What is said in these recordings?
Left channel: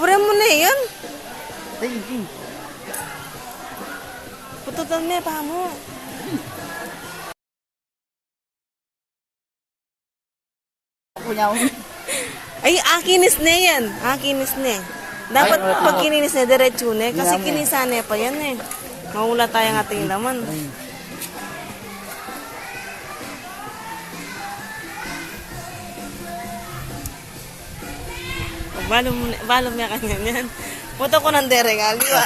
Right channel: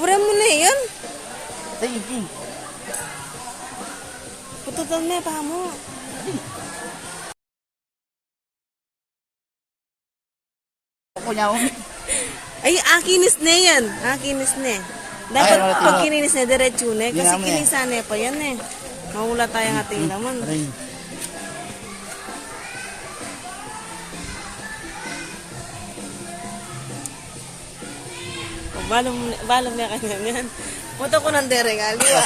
Bura mo na yun. Sige. Pututan mo, pa mo. Ay, akinis na yan. Akinis na. Dapat pag kininis na, diretso na. Kasi kinisane pa yan eh. Mahula tayo ng ating laman. Balong niya kanya yan. Puto ko ng dereng, aliwa.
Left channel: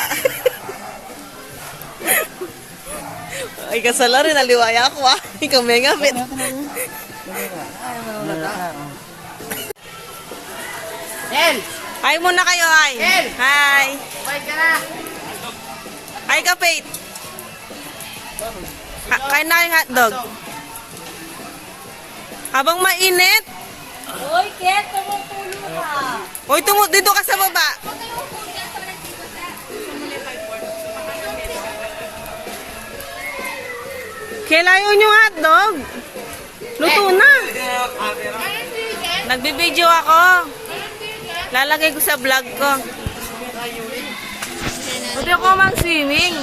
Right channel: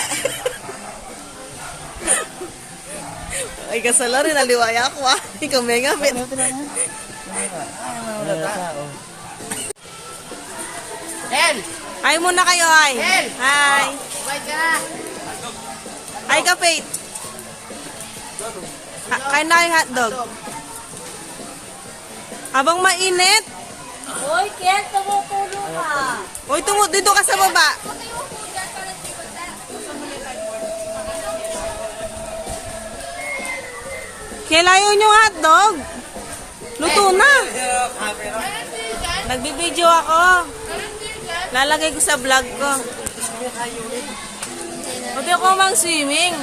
Ay, kasala rin, aliwaya ako ah. Ikaw may ngapit. El! Hi muna kayo, hi. El! Hi. Bye ka na! Hi ka, Faith. Kain na kayong hotdog. Habang mainit. Uy, Ken, tumutulo ka. Uy, dito ka sa baba. Kailayon yung hotdog. Luto na. Nagbibideo ako. Lalagay ko sa vlog ko. Buti ako mag-swimming.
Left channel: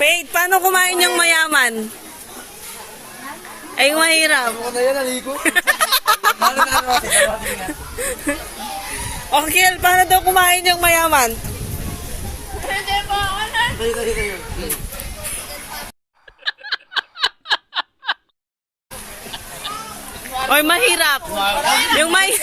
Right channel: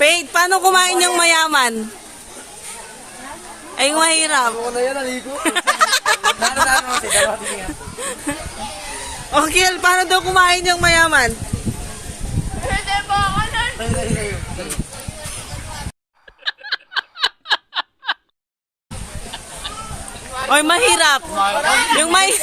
Faith, paano kumain yung mayaman? Ay, mahirap. Okay, paano daw kumain yung mayaman? Oy, mahirap. Yung may